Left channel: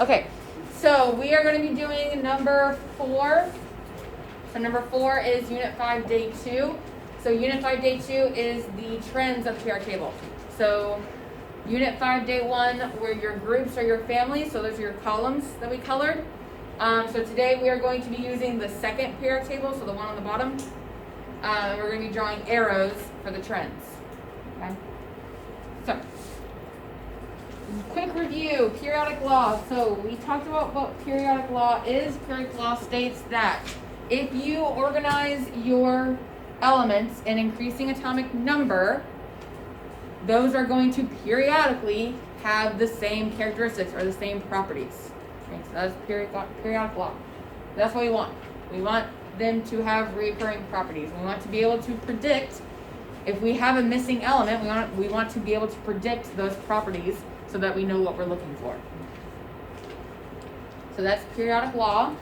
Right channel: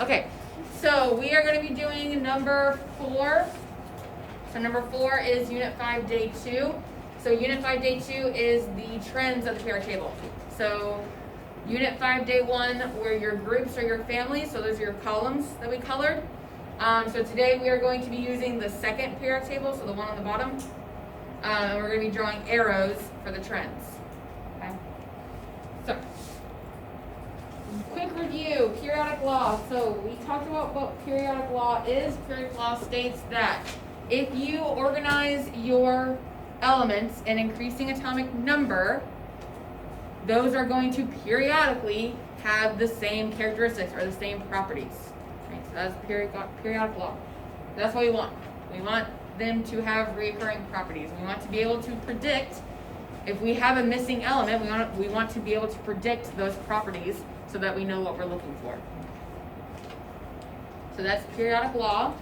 Okay, so we are going to be doing number 4. So number 4 is Unit 5, Day 2. So Unit 5, Day 2 is the trends of the periodic table. So Unit 5, Day 1 were your groups or your families. So those are your columns that we colored. So today we are going to be using the second periodic table, so the one on the bottom. And we're going to be drawing arrows for the trends. Okay. So, quick review, periodic law. So we talked about what periodic law is. Periodic law states that if you organize your elements in increasing atomic number, those are going to periodically have the same characteristics or the same properties. Okay, so that's periodic law. That's what we want. We want them to have recurring properties. We want to be able to predict if we have a missing element. We want to be able to predict those properties so that we know what we're looking for. So that's periodic law.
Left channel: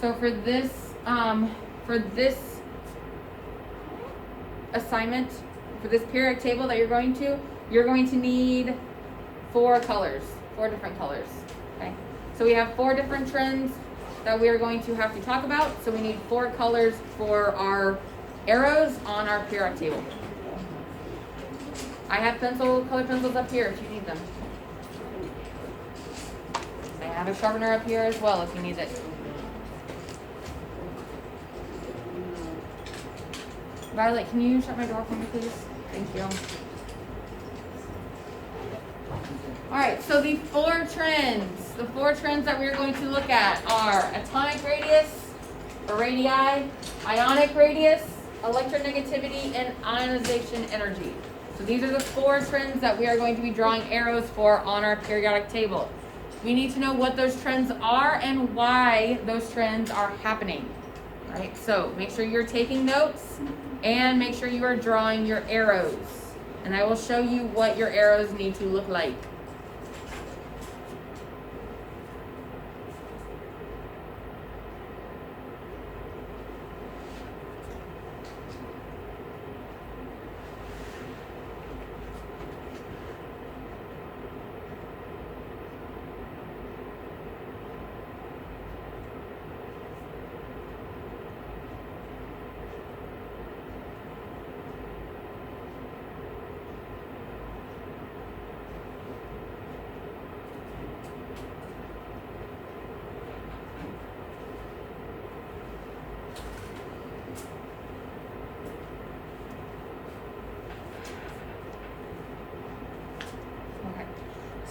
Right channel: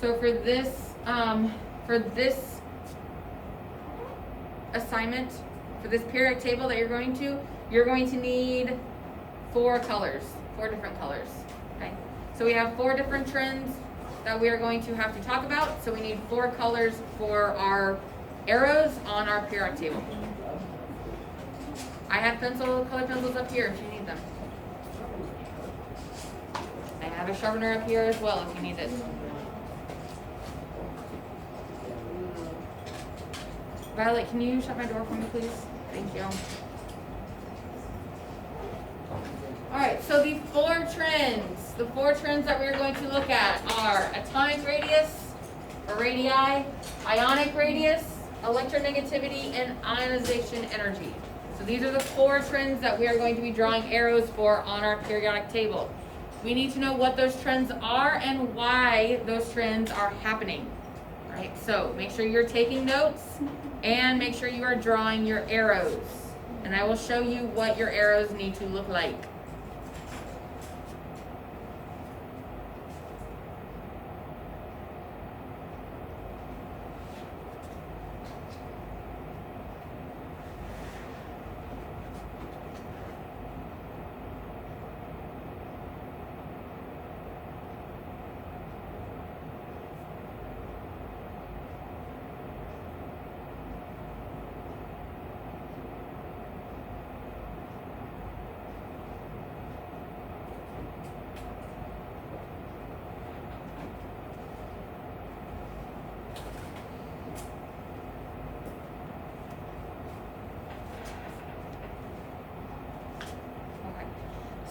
So for this assignment, for this periodic table that you're going to need 4 colors, 4 different colors. Okay. So we have 4 different trends that we are going to have to talk about. So we need 4 colors for our arrows on our periodic table. I have colored pencils up here if you need them. I have a sharpener up here as well if you need it. Violet, can you shut my door for me, please? Thank you. Alright, so the 4 trends that we are going to look at are atomic radius, or radii, ionic radius, electronegativity, and ionization energy. So these are the 4 trends that we are going to be drawing arrows for on our periodic table. We need to know what those trends are and why those trends are happening. Alright, so make sure you're taking notes and make sure you are drawing your arrows. And I will show you what your arrows need to look like.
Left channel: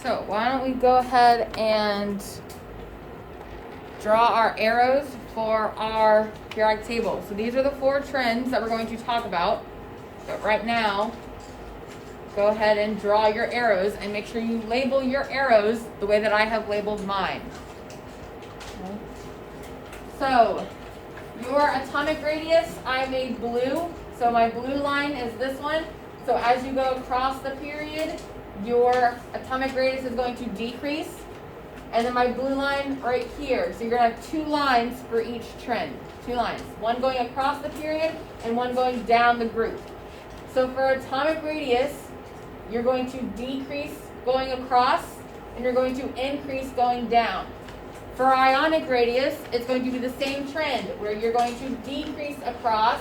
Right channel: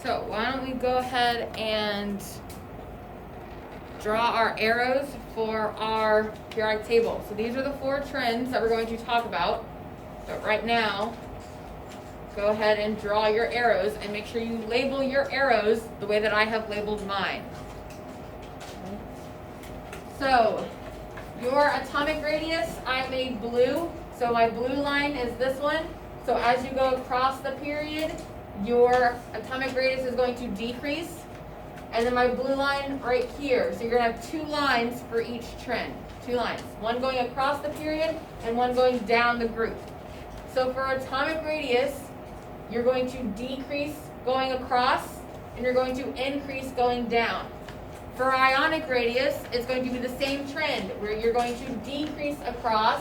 So why don't we go ahead and draw our arrows for our periodic table. So these are the 4 trends that we're going to talk about. So right now, go ahead and draw your arrows and make sure you label your arrows the way that I have labeled mine. Okay. So your atomic radius, I made blue. So my blue line is this one. So as you go across the period, your atomic radius is going to decrease. And then my blue line right here. So you're going to have 2 lines for each trend. 2 lines. One going across the period and one going down the group. So for atomic radius, you're going to decrease going across and you're going to increase going down. For ionic radius, it's going to be the same trend where you're going to decrease across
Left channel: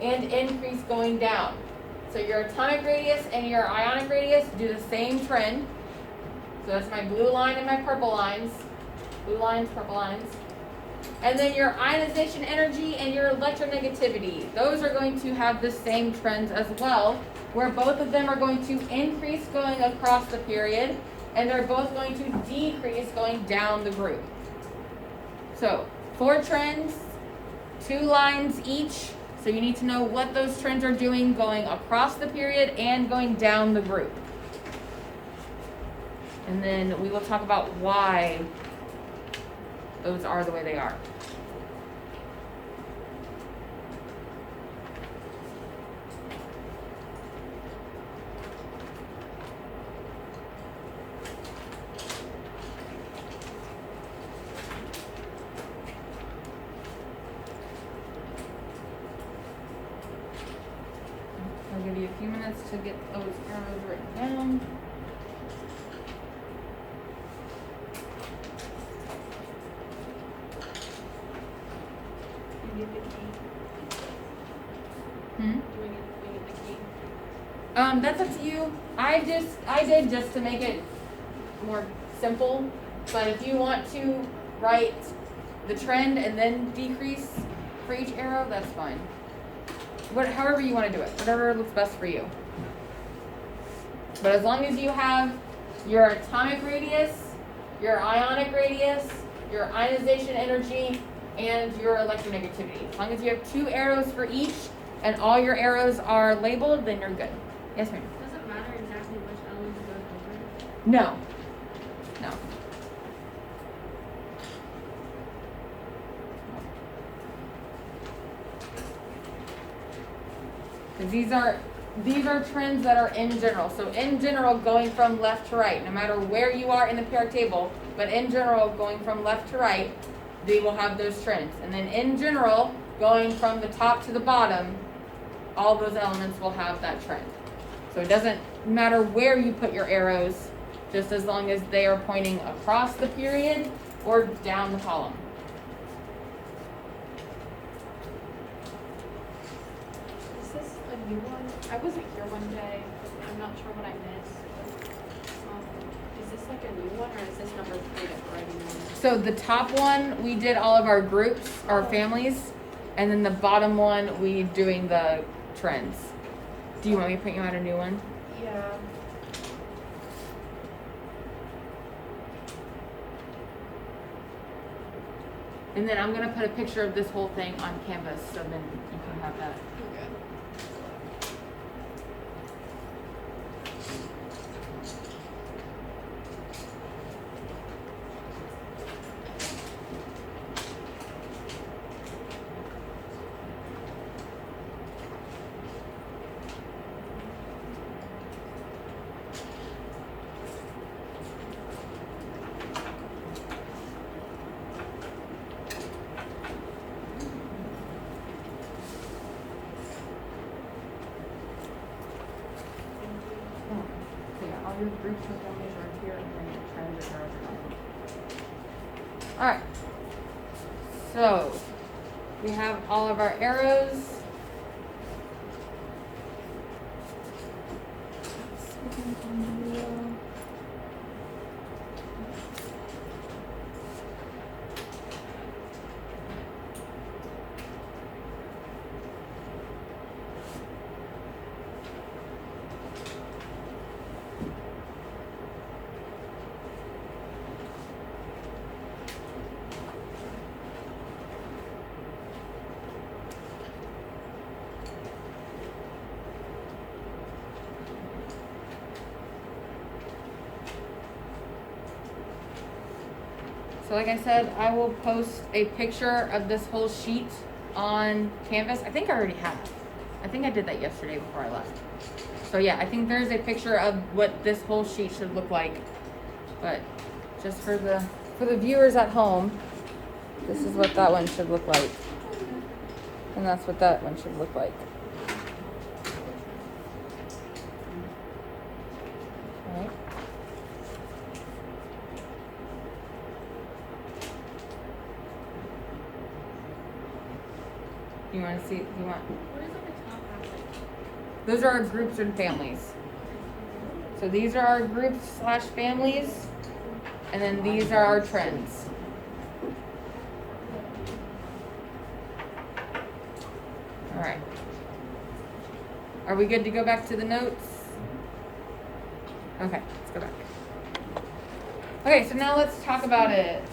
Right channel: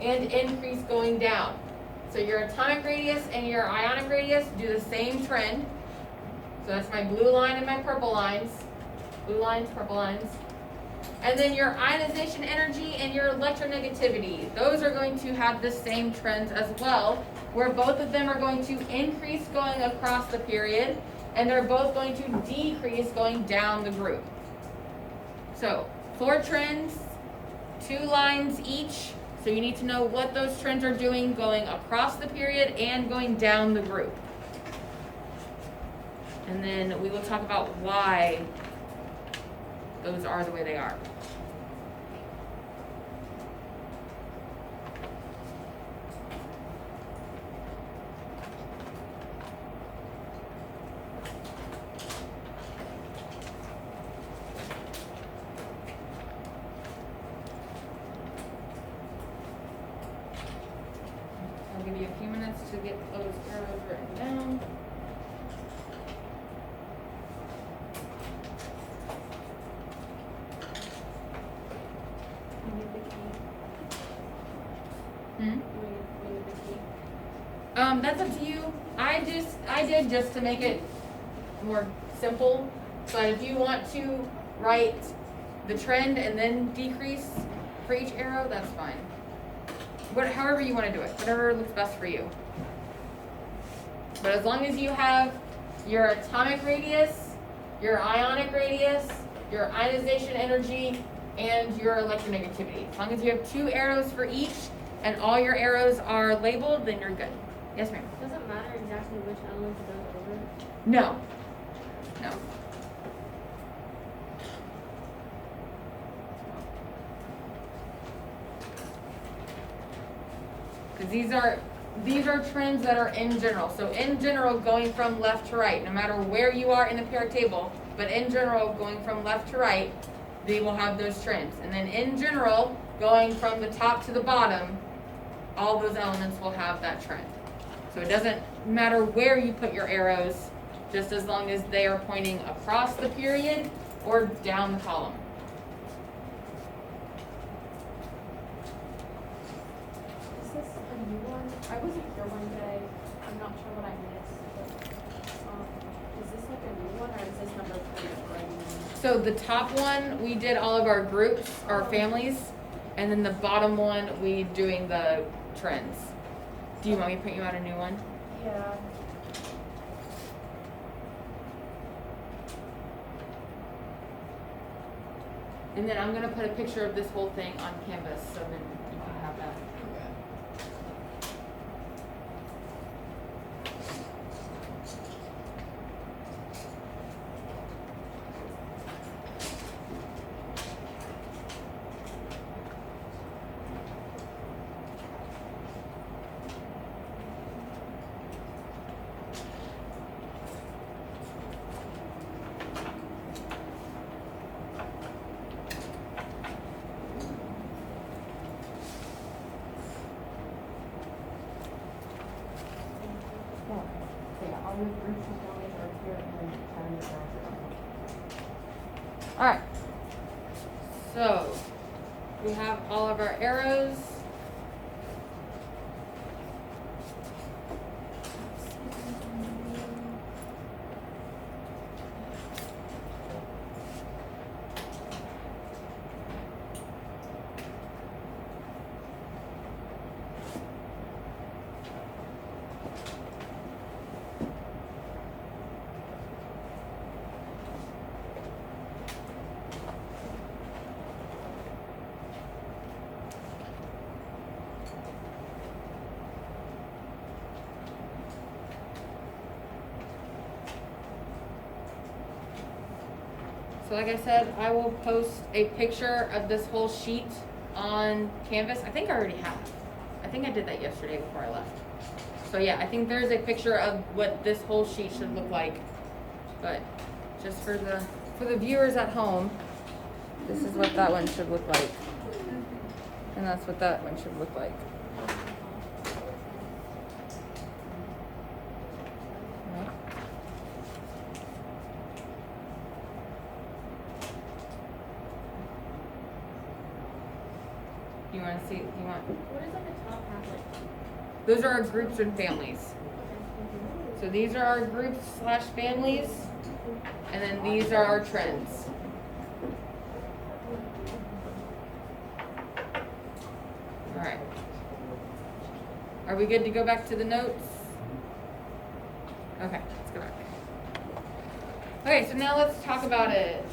and increase going down. So your atomic radius and your ionic radius do the same trend. So that's my blue line and my purple lines. Blue lines, purple lines. And then your ionization energy and your electronegativity. Those are going to have the same trends as well, where both of them are going to increase going across the period, and they're both going to decrease going down the group. So 4 trends, 2 lines each. So you need to know what those trends are doing going across the period and going down the group. And then we will talk about why those are the way they are. That's up to you. I did just to make it more simple. But if you want to write the trend and then decrease for each arrow, that's fine. However you want to do it, whatever looks best for you. But as long as you have your atomic radius, your ionic radius, your ionization energy, and your electronegativity. As long as you have 2 arrows for each and all your arrows are labeled, then you're good. Yes, ma'am? Does it matter exactly which elements go over? No. No. Because these are trends that are in general. So in general, going from left to right, no matter where you are in the periodic table, but in general, going from left to right, they will have those trends. And then in general, going from the top to the bottom, all those elements will have that trend. So it doesn't matter where you put your arrows, just as long as they are pointing across the period or down the column. Is this a new one? I wasn't here one day. I'm not sure what I missed. Is this like a new one, or is this number 3 already known? So the top one, we did all of our groups, our families, and then the bottom one, we doing the trends. Do you want me to print you out a new one? Yeah. And then I'm gonna put a picture of this whole thing on Canvas, so then you can have that. Okay. Alright, so we have all of our arrows. So like I said, I will post a picture of this whole sheet on Canvas. I think I already have. I think I did that yesterday before I left. So yeah, I think there's a picture of what this whole sheet should look like. But just for the viewers at home, this is what that one should look like. And that's what that one should look like. All right. You want to see? What is at the top half? Those are our groups and families. So these are our groups/families, and then these are our trends. All right. Are we good to go back to the notes? Okay, let's go back. Okay, so now let's talk about it.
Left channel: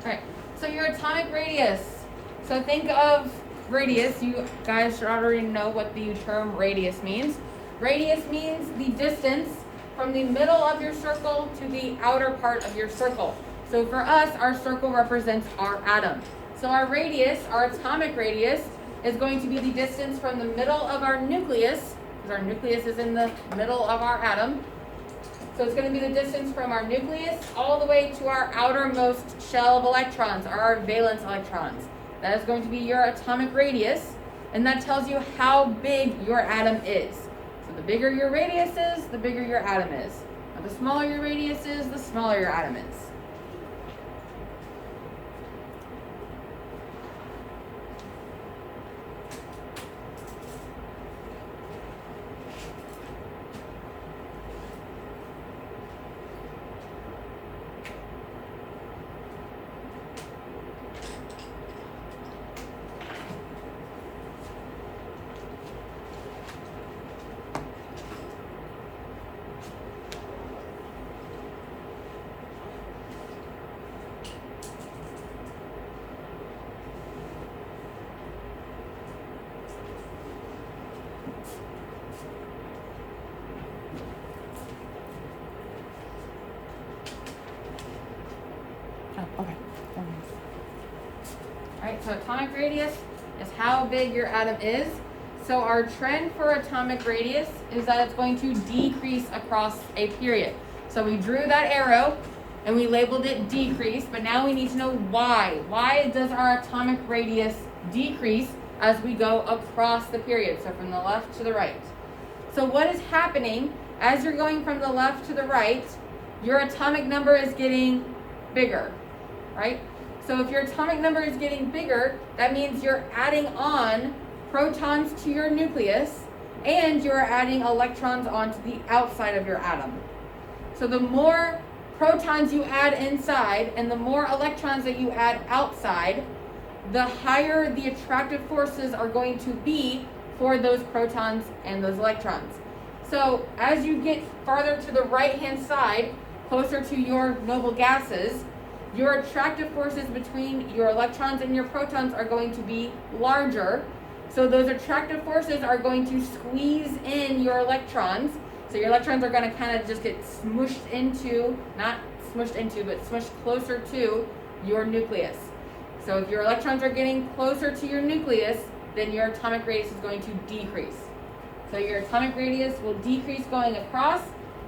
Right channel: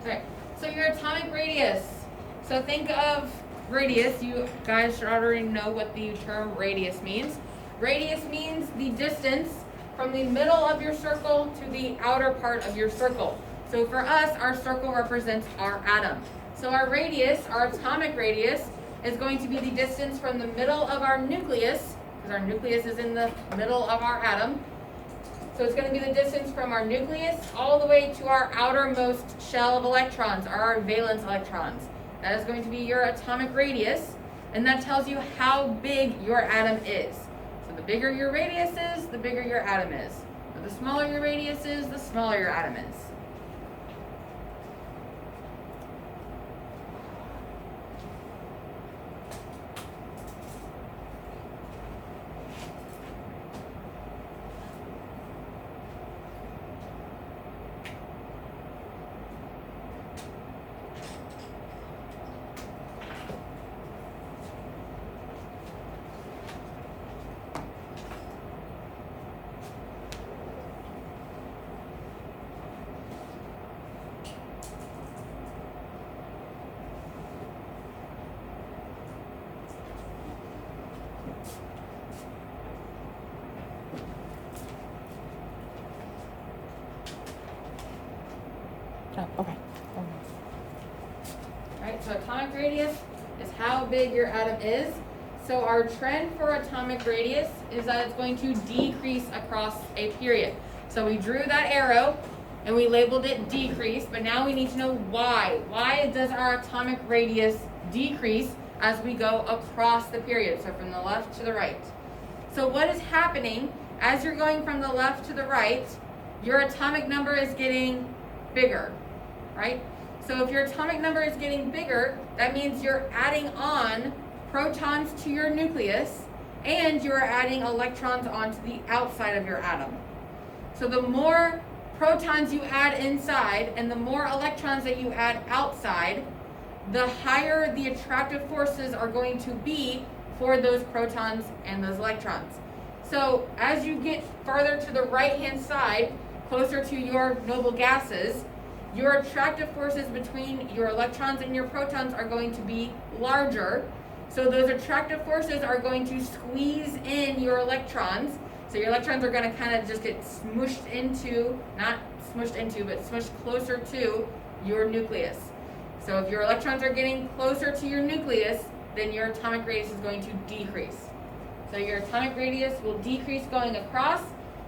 Okay. So your atomic radius. So think of radius. You guys should already know what the term radius means. Radius means the distance from the middle of your circle to the outer part of your circle. So for us, our circle represents our atom. So our radius, our atomic radius, is going to be the distance from the middle of our nucleus, because our nucleus is in the middle of our atom. So it's going to be the distance from our nucleus all the way to our outermost shell of electrons, or our valence electrons. That is going to be your atomic radius, and that tells you how big your atom is. So the bigger your radius is, the bigger your atom is. Now the smaller your radius is, the smaller your atom is. Okay. Alright, so atomic radius is how big your atom is. So our trend for atomic radius is that it's going to decrease across a period. So we drew that arrow and we labeled it decrease, but now we need to know why. Why does our atomic radius decrease as we go across the period? So from the left to the right. So what is happening as you're going from the left to the right? Your atomic number is getting bigger, right? So if your atomic number is getting bigger, that means you're adding on protons to your nucleus and you're adding electrons onto the outside of your atom. So the more protons you add inside and the more electrons that you add outside, the higher the attractive forces are going to be for those protons and those electrons. So as you get farther to the right-hand side, closer to your noble gases, your attractive forces between your electrons and your protons are going to be larger. So those attractive forces are going to squeeze in your electrons. So your electrons are going to kind of just get smushed into, not smushed into, but smushed closer to your nucleus. So if your electrons are getting closer to your nucleus, then your atomic radius is going to decrease. So your atomic radius will decrease going across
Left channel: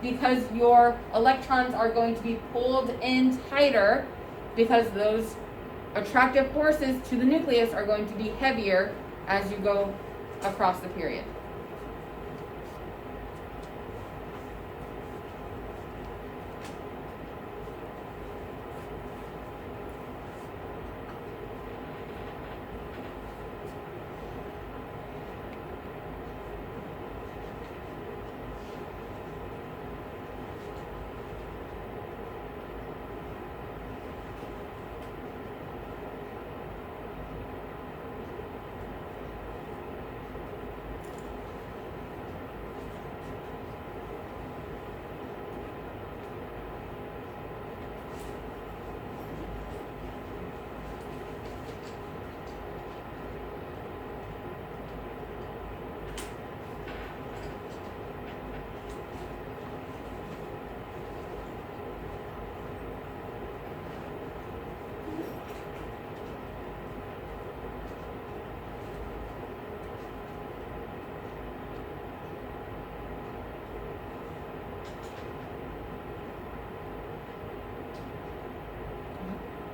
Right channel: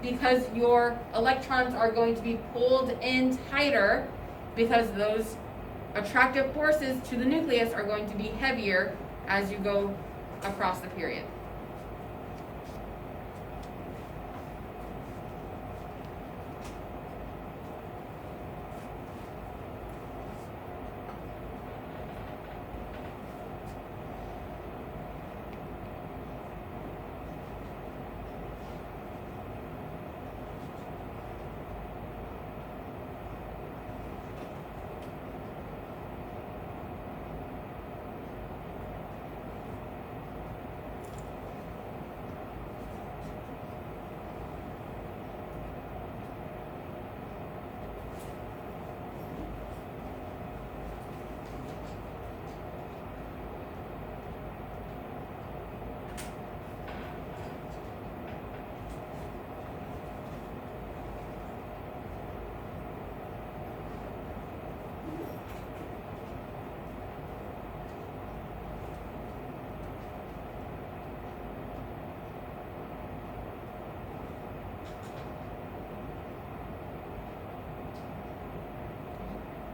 because your electrons are going to be pulled in tighter because those attractive forces to the nucleus are going to be heavier as you go across the period.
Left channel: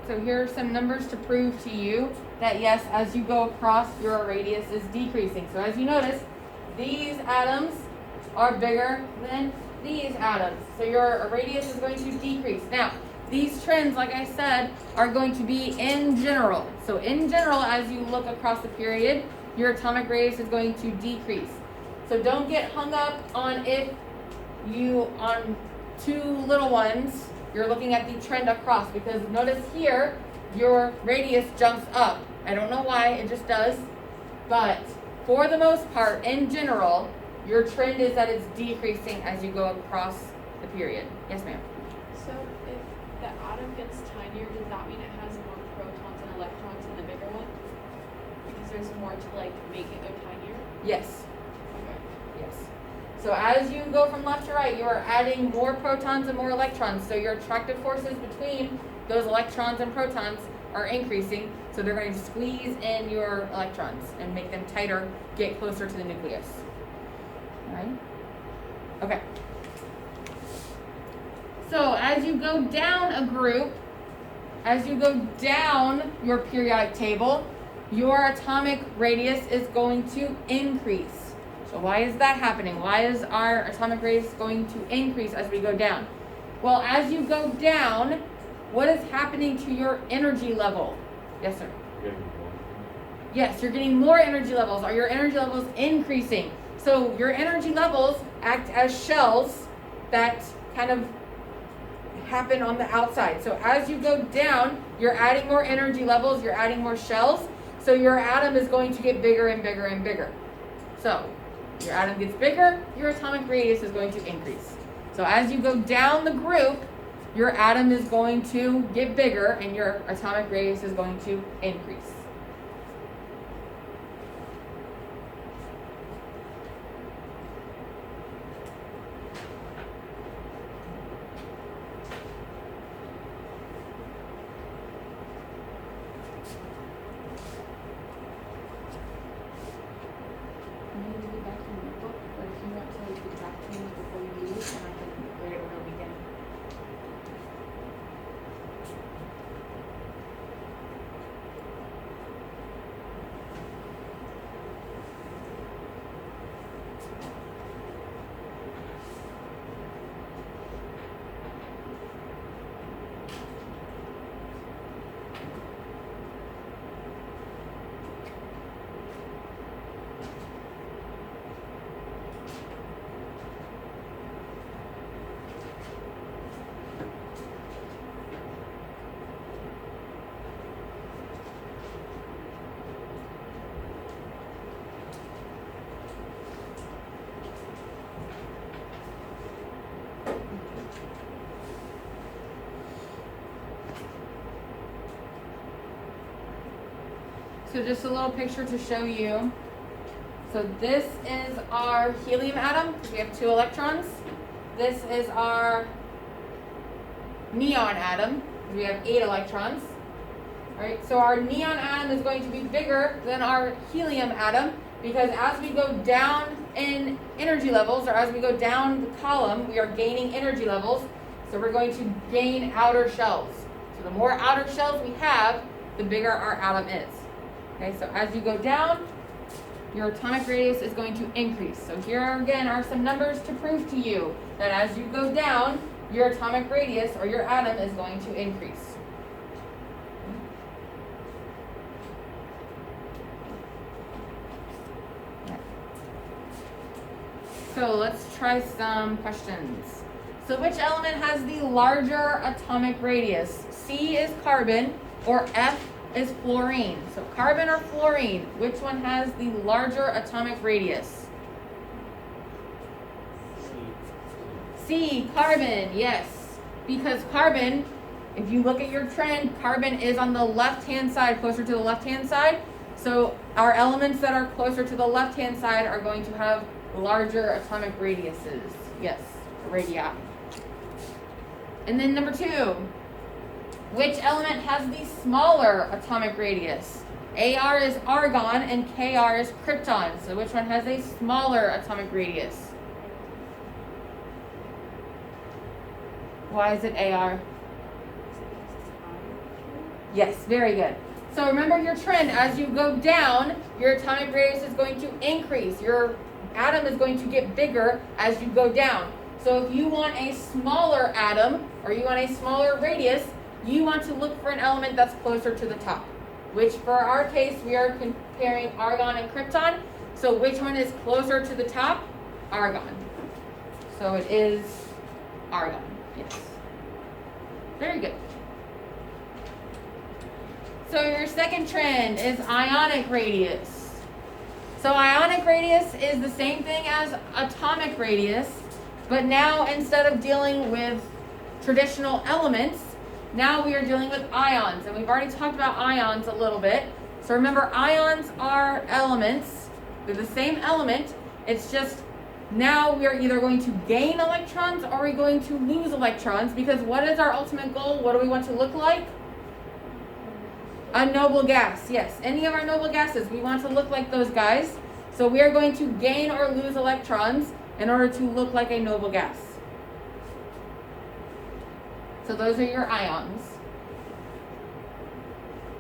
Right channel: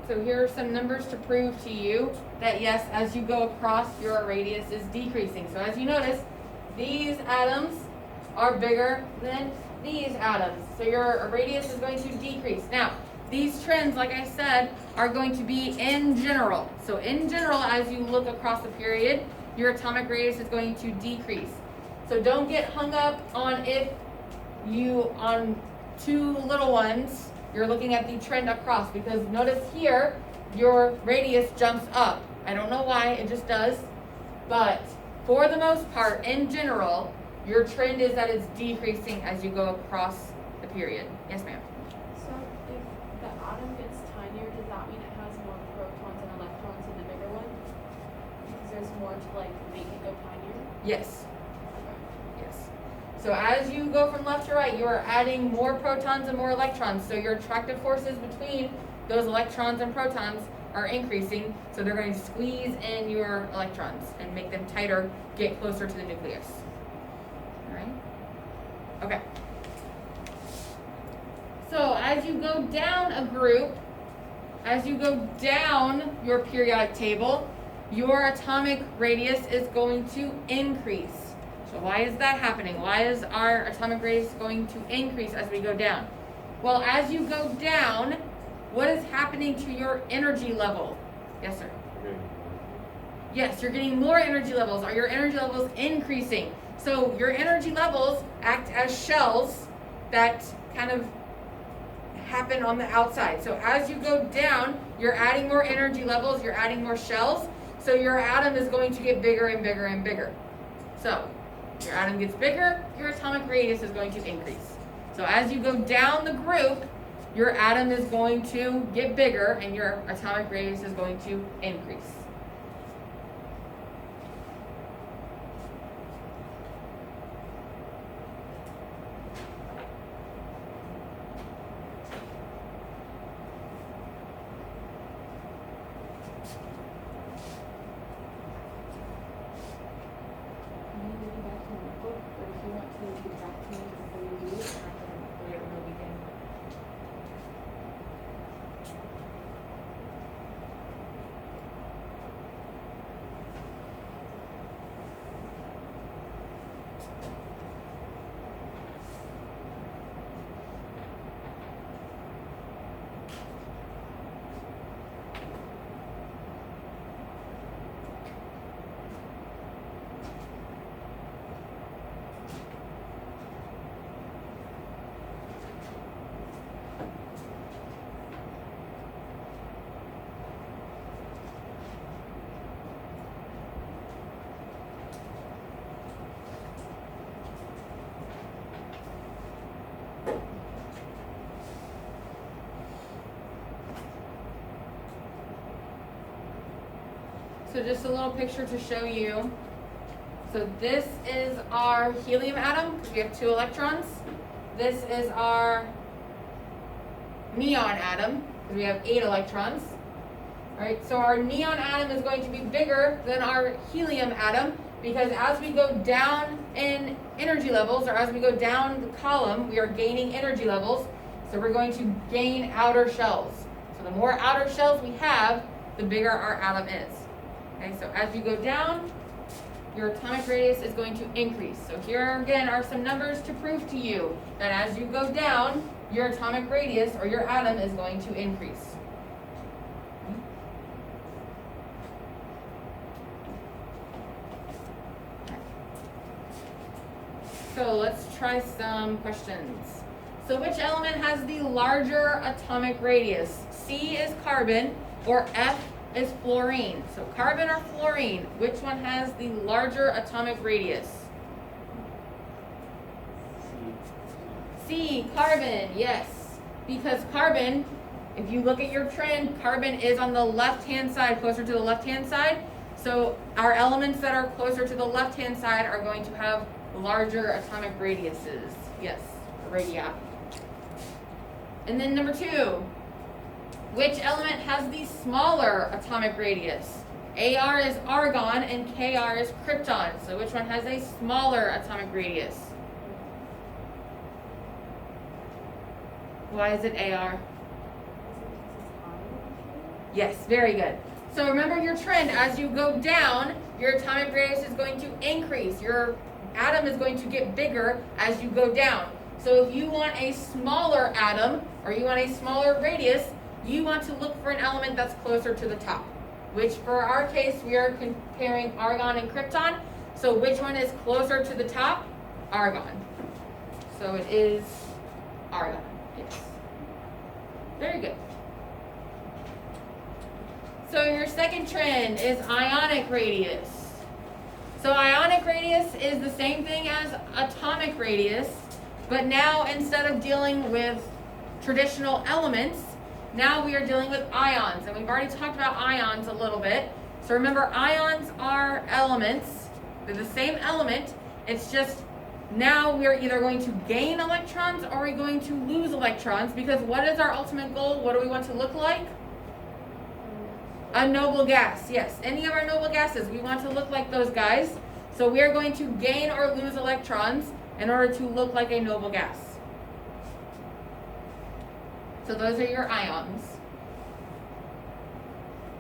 So here are some numbers to prove to you that yes, as you go across, your radius is decreasing. So as you notice, these atoms are bigger than these atoms. So your radius is going to decrease. Now, these trends, like I said, are going to be in general. So in general, as you look across the period, your atomic radius is going to decrease. So don't get hung up on if you, on two little ones, you're looking at the trend across, because notice here, your radius jumps up. I don't know why, it just does. But for the most part, in general, your trend is that it's decreasing as you go across the period. Yes, ma'am? So if the atom gets tinier, does that mean it has more protons and electrons in the bigger one? Because there's more to like make it go tinier? Yes. Okay. Yes. So as you go from left to right, you are adding more protons and more electrons. So your attractive forces between those electrons and protons are increasing. So they're going to squeeze in your electrons and make them tighter, get closer to the nucleus. All right? Okay. So as you go down a group, as you go down your periodic table, your atomic radius is going to increase. So why is that happening? Why is our atomic radius going to increase as we go down? Well, as you go down, what is happening to your energy level? Yes, sir? Yes, you're getting more energy levels. Are your energy levels increasing? So your energy levels act as shells that kind of happen on the outside. So as you go down, you're adding more energy levels, you're adding more shells. So your atom is going to get bigger and bigger and bigger. So your atom gets bigger, your atomic radius is going to increase. So as you go down the group, your atom is going to get bigger and your atomic radius is going to increase. So just a little picture to show you. So this is our helium atom because we have 2 electrons. This is our neon atom because we have 8 electrons. All right, so our neon atom is going to be bigger than our helium atom because as we go down in energy levels, or as we go down the column, we are gaining energy levels. So we're going to gain outer shells. So the more outer shells we have, the bigger our atom is. Okay, so as you go down, your atomic radius is going to increase. So here again are some numbers to prove to you that as you go down, your atomic radius or your atom is going to increase. So let's try some questions. So which element has the larger atomic radius? C is carbon or F is fluorine. So carbon or fluorine, which one has the larger atomic radius? C, carbon, yes. Because carbon, if you look at your trend, carbon is on the left-hand side, closer to the left-hand side. So our elements that are closer to the left-hand side are going to have larger atomic radiuses. Yes, radii. And then number 2, which element has the smaller atomic radius? Ar is argon and Kr is krypton. So which one has a smaller atomic radius? Why is it Ar? Yes, very good. So remember your trend. As you go down, your atomic radius is going to increase. Your atom is going to get bigger as you go down. So if you want a smaller atom or you want a smaller radius, you want to look for an element that's closer to the top, which for our case, we are comparing argon and krypton. So which one is closer to the top? Argon. So it is argon. Yes. Very good. So your second trend is ionic radius. So ionic radius is the same thing as atomic radius, but now instead of dealing with traditional elements, now we are dealing with ions, and we've already talked about ions a little bit. So remember, ions are elements. They're the same element. It's just now we are either going to gain electrons or we're going to lose electrons, because what is our ultimate goal? What do we want to look like? A noble gas. Yes, any of our noble gases, we want to look like those guys. So we are going to gain or lose electrons in order to look like a noble gas. So those are your ions.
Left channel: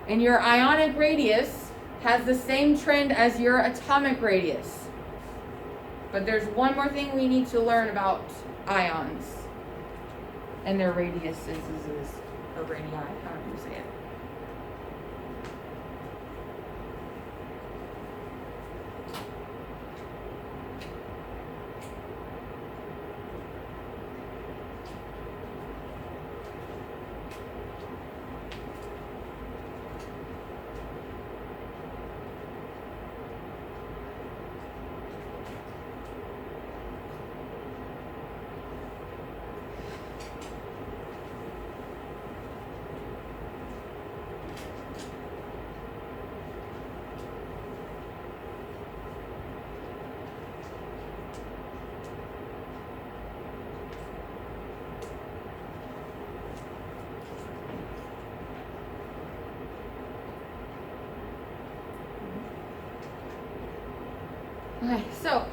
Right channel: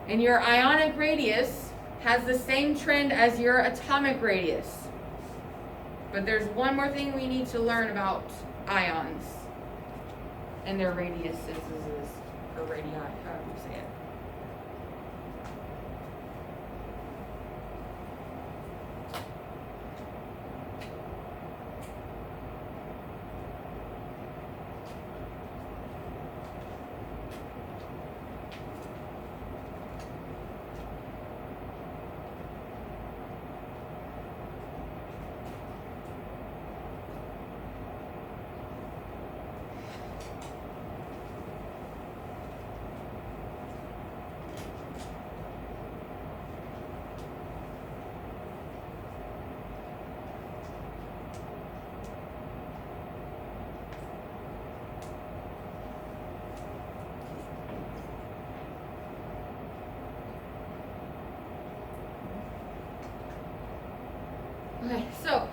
And your ionic radius has the same trend as your atomic radius. But there's one more thing we need to learn about ions and their radiuses, or radii, however you say it. Okay, so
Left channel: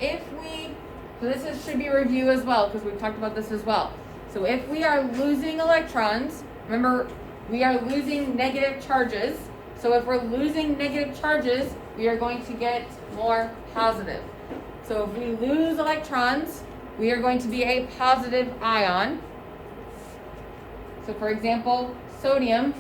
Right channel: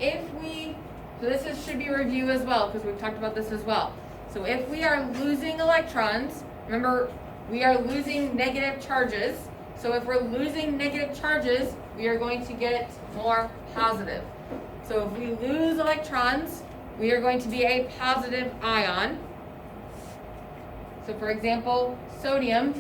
this should be a review as well, because we've talked about this as well. So if we are losing electrons, remember, we are losing negative charges. So if we're losing negative charges, we are going to get more positive. So if we lose electrons, we are going to be a positive ion. So for example, sodium.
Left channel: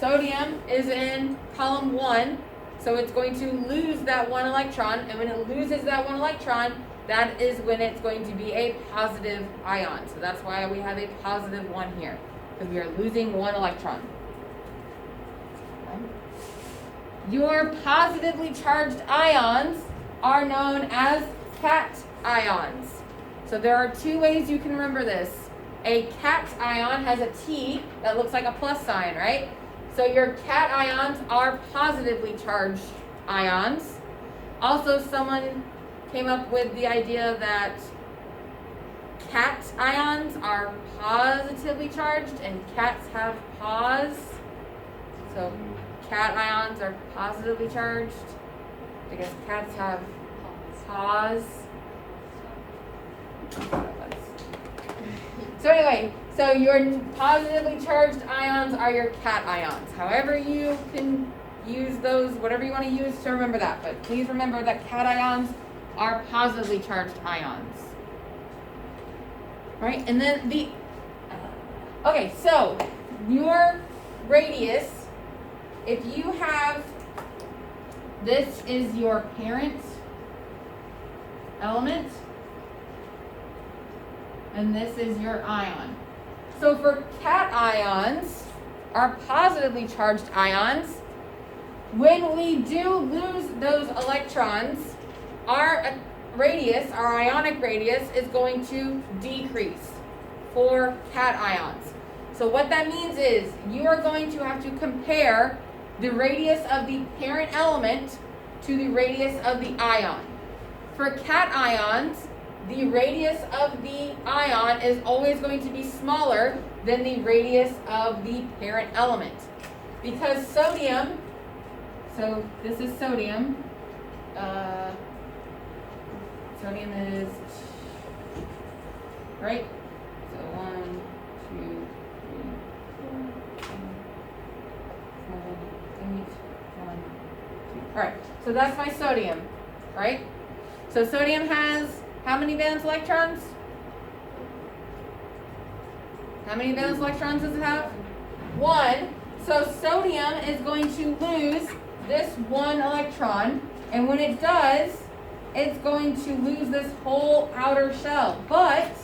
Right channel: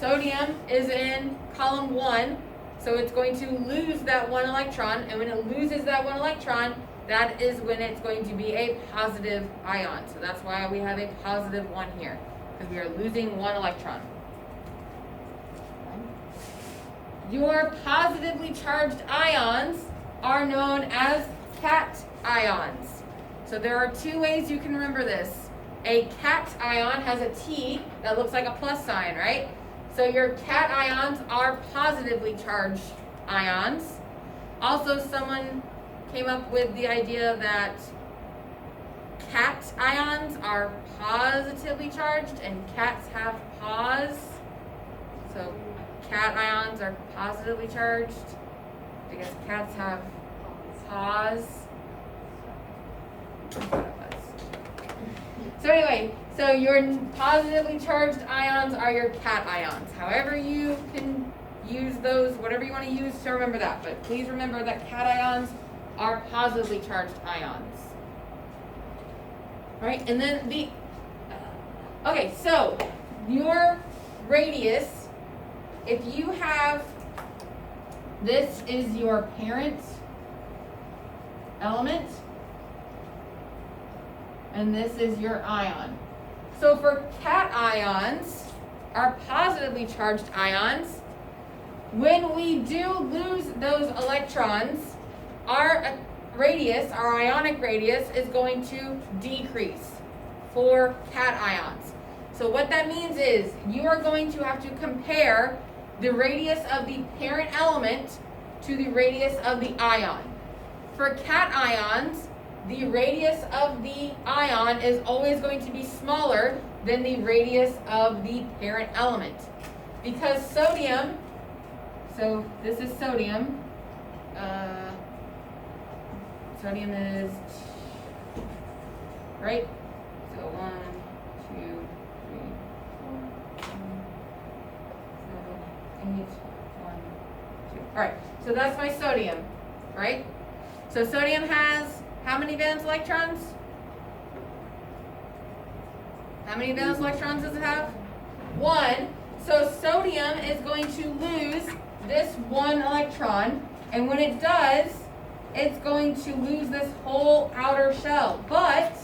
Sodium is in column 1. So it's going to lose that 1 electron, and when it loses that 1 electron, that is when it's going to be a positive ion. So that's why we have a positive 1 here, because we are losing 1 electron. Your positively charged ions are known as cations. So there are 2 ways you can remember this. A cation has a T that looks like a plus sign, right? So your cations are positively charged ions. Also, someone came up with the idea that cat ions are positively charged and cats have paws. So cat ions are positively charged. I guess cats have paws. I thought it was. So anyway, so your positively charged ions are your cat ions. However you can use those, whatever you want to use to remember that. But please remember that cat ions are positively charged ions. Right? And then okay, so your radius, if you have, this is your parent element, and this is your ion. So for cat ions, our positively charged ions, when we do lose those electrons, our radius, our ionic radius, is going to decrease for cat ions. So what that means is you are going to have to compare the radius of the parent element to the radius of the ion. For cat ions, the radius of the ion is always going to be smaller than the radius of the parent element. Because sodium, so this is sodium, sodium is, right? So 1, 2, 3, 4, 5, 7, 8, 1, 2. All right, so that's my sodium, right? So sodium has how many valence electrons? How many valence electrons does it have? 1. So sodium is going to lose this 1 electron, and when it does, it's going to lose this whole outer shell. But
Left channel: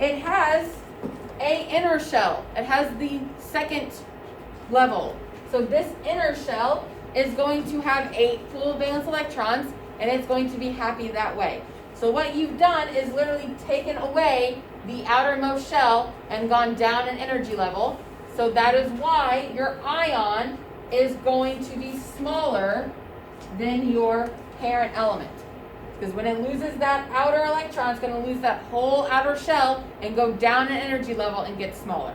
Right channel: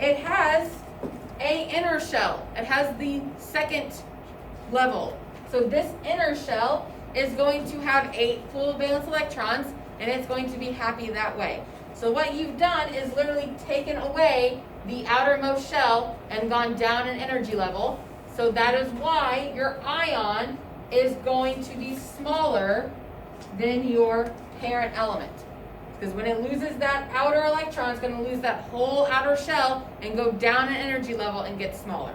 it has an inner shell. It has the second level. So this inner shell is going to have 8 full valence electrons, and it's going to be happy that way. So what you've done is literally taken away the outermost shell and gone down an energy level. So that is why your ion is going to be smaller than your parent element. Because when it loses that outer electron, it's going to lose that whole outer shell and go down an energy level and get smaller.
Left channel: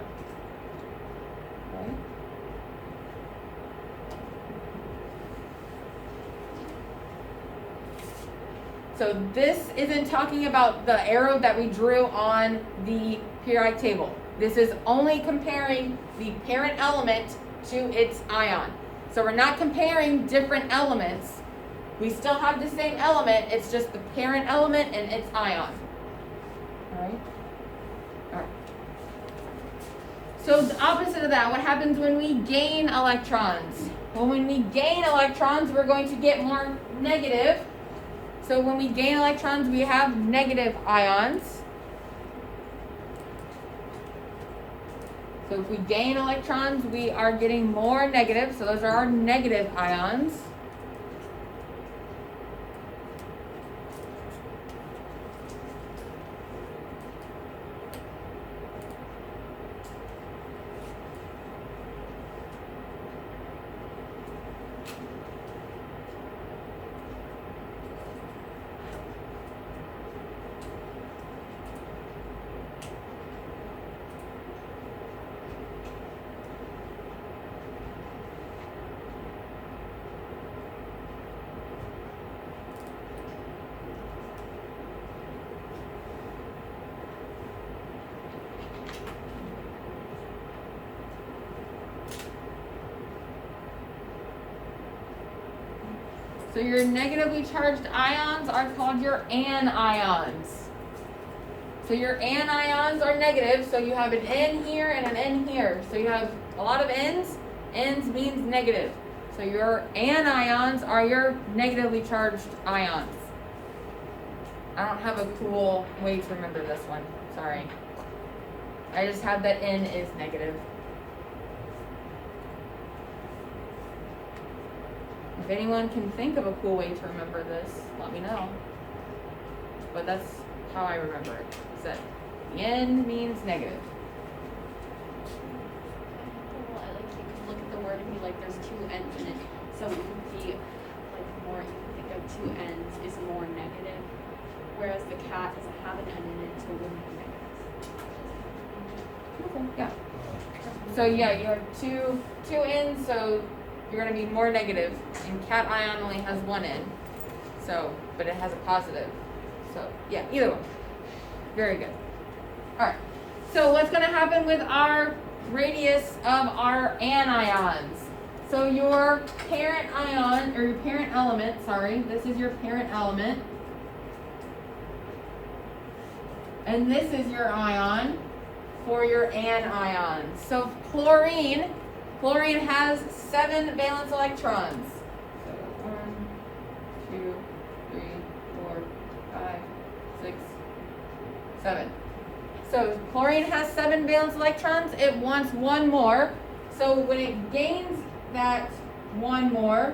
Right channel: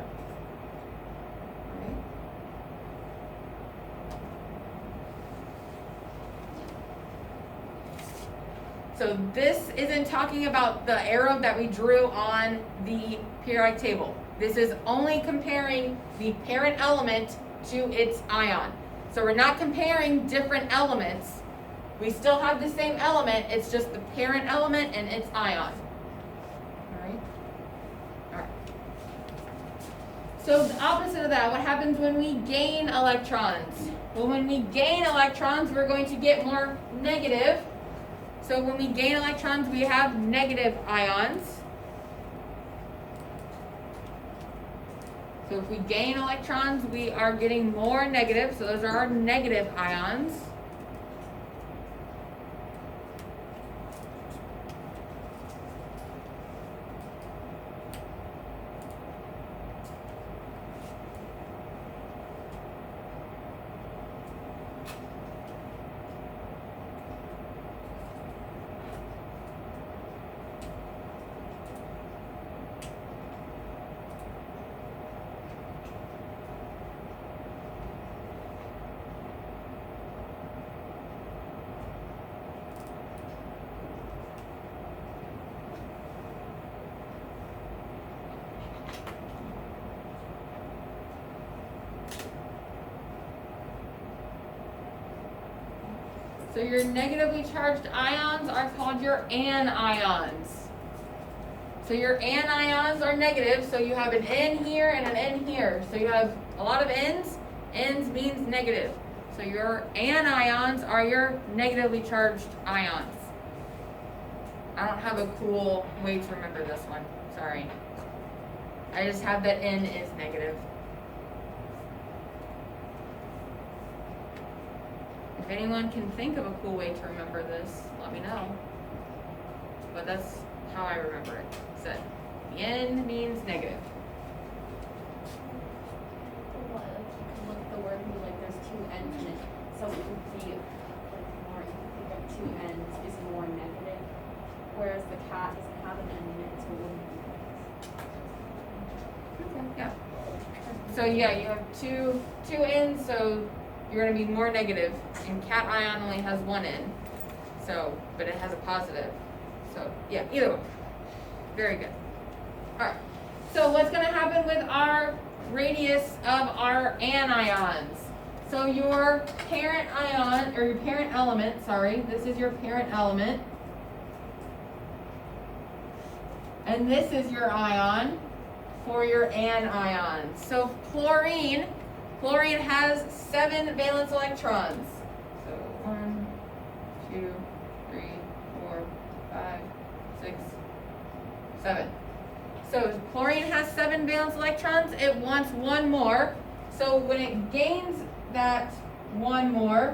So this isn't talking about the arrow that we drew on the periodic table. This is only comparing the parent element to its ion. So we're not comparing different elements. We still have the same element, it's just the parent element and its ion. All right? All right. So the opposite of that, what happens when we gain electrons? Well, when we gain electrons, we're going to get more negative. So when we gain electrons, we have negative ions. So if we gain electrons, we are getting more negative. So those are our negative ions. So your negatively charged ions are called your anions. So your anions are negative, so you have an N here and an N here. So you have a lot of N's. N's means negative. So your anions are your negatively charged ions. I don't have a cool way to remember this one. Sorry. I just have that N is negative. If anyone can think of a cool way to remember this, let me know. But that's how I remember it. Is that the N means negative. Well, like you can look at the word and be like, there's 2 N's in it, so it would be like two ends is more negative, whereas the cat doesn't have an end in it, so it wouldn't be negative. Okay, yeah. So yeah, you have two ends, so you're gonna be more negative, and cat ion only has one end, so, but it has a positive. So yeah, either one. Very good. All right. So what's gonna happen with our radius of our anions? So your parent ion, or your parent element, sorry, this is your parent element. And this is your ion for your anions. So chlorine has 7 valence electrons. So 1, 2, 3, 4, 5, 6, 7. So chlorine has 7 valence electrons. It wants one more. So when it gains that one more,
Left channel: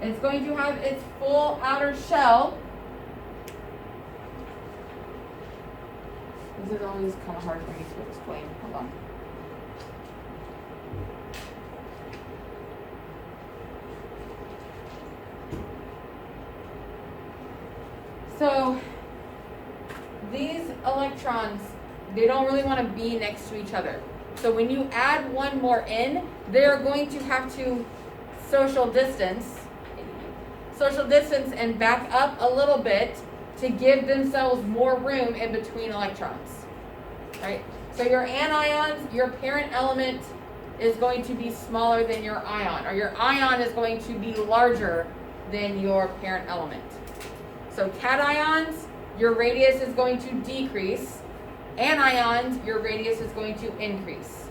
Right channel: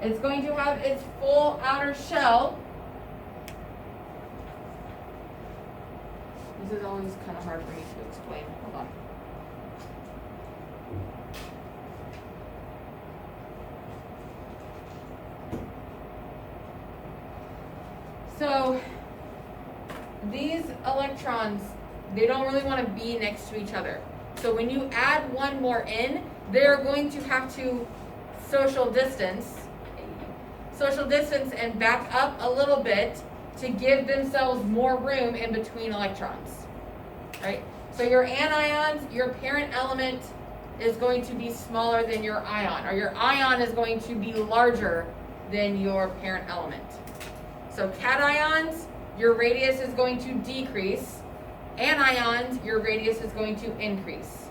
it's going to have its full outer shell. This is always kind of hard for me to explain. Hold on. So these electrons, they don't really want to be next to each other. So when you add one more in, they're going to have to social distance and back up a little bit to give themselves more room in between electrons. Right? So your anions, your parent element is going to be smaller than your ion, or your ion is going to be larger than your parent element. So cations, your radius is going to decrease. Anions, your radius is going to increase.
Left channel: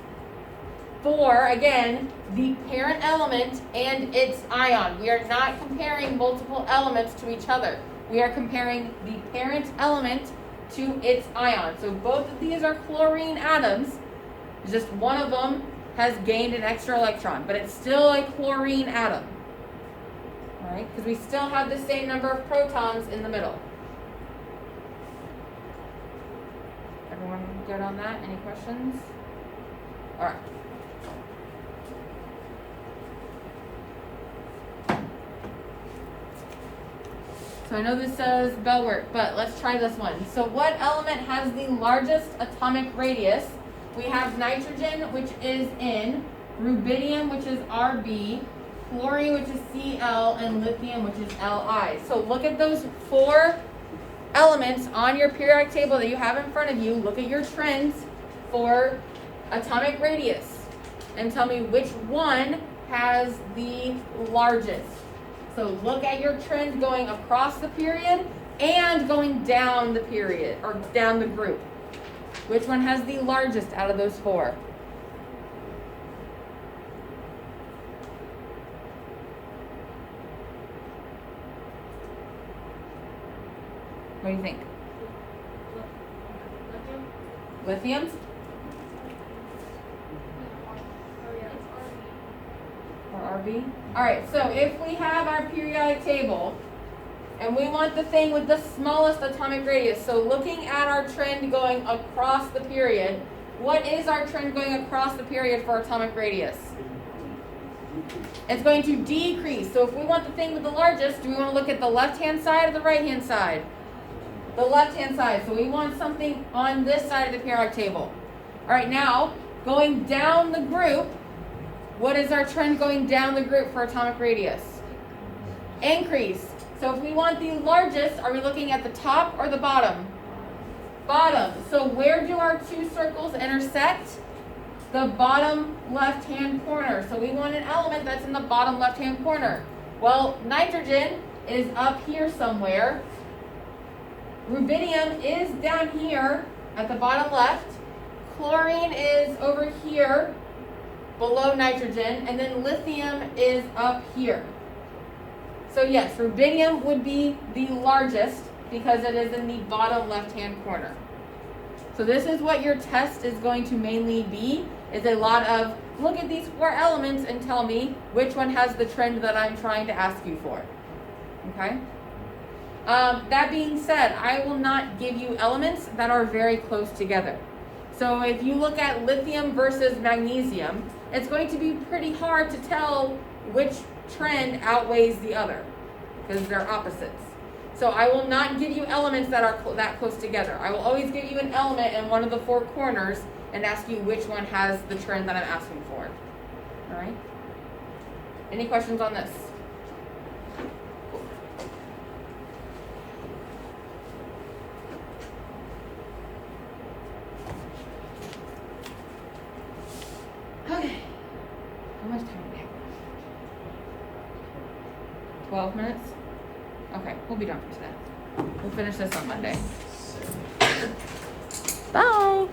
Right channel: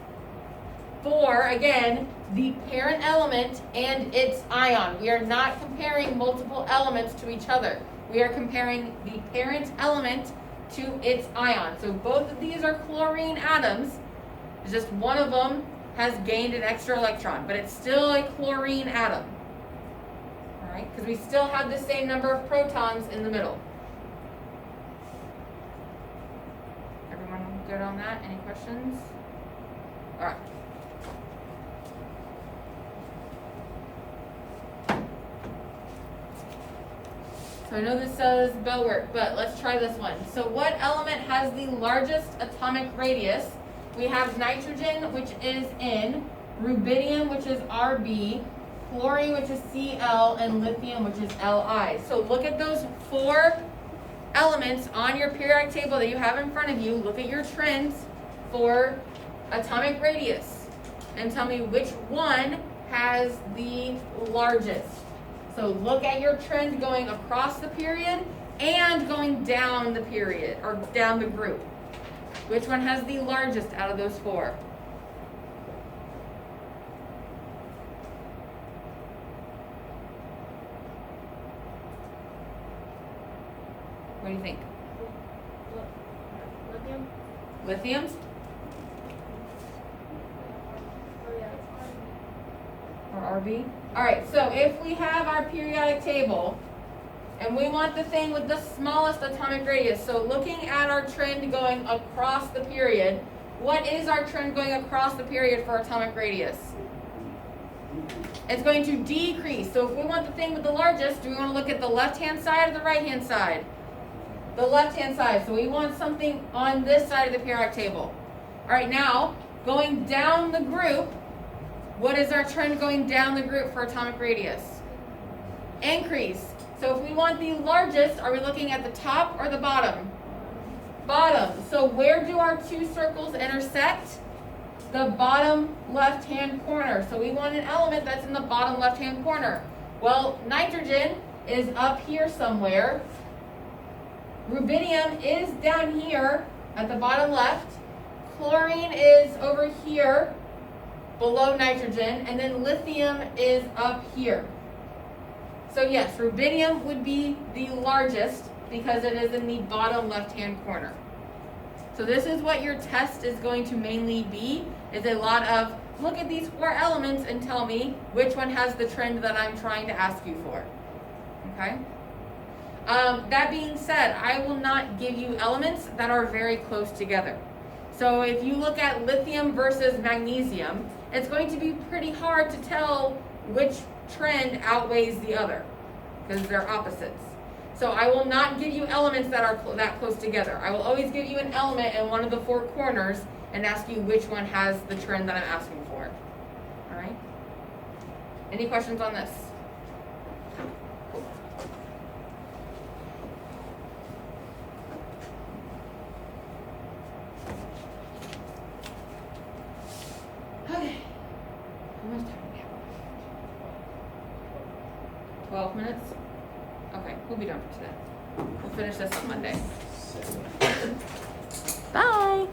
For, again, the parent element and its ion. We are not comparing multiple elements to each other. We are comparing the parent element to its ion. So both of these are chlorine atoms. Just one of them has gained an extra electron, but it's still a chlorine atom. All right, because we still have the same number of protons in the middle. Everyone good on that? Any questions? All right. So I know this says bell work, but let's try this one. So what element has the largest atomic radius? We have nitrogen, which is N, rubidium, which is Rb, fluorine, which is Cl, and lithium, which is Li. So look at those 4 elements on your periodic table that you have in front of you. Look at your trends for atomic radius and tell me which one has the largest. So look at your trend going across the period and going down the period, or down the group. Which one has the largest out of those 4? What do you think? Lithium? Or Rb? Alright, so if we have our periodic table and we want the thing with the smallest atomic radius, so looking at our trend going across the period, what is our trend going across the period for atomic radius? It's going to decrease. So if we want the thing with the largest, do we want to look at the left-hand side or the right-hand side? The left-hand side. So we want something on this side of the periodic table. All right, now going down the group, what is our trend going down the group for atomic radius? Increase. So if we want the largest, are we looking at the top or the bottom? Bottom. So where do our 2 circles intersect? The bottom left-hand corner. So we want an element that's in the bottom left-hand corner. Well, nitrogen is up here somewhere. Rubidium is down here at the bottom left. Chlorine is over here below nitrogen, and then lithium is up here. So yes, rubidium would be the largest because it is in the bottom left-hand corner. So this is what your test is going to mainly be, is a lot of look at these 4 elements and tell me which one has the trend that I'm trying to ask you for. Okay? That being said, I will not give you elements that are very close together. So if you look at lithium versus magnesium, it's going to be pretty hard to tell which trend outweighs the other because they're opposites. So I will not give you elements that are that close together. I will always give you an element in one of the four corners and ask you which one has the trend that I'm asking for. All right? Any questions on this? Okay. How much time do we have left? 12 minutes? Okay, we'll be done for today. We'll finish this on Monday. Bye!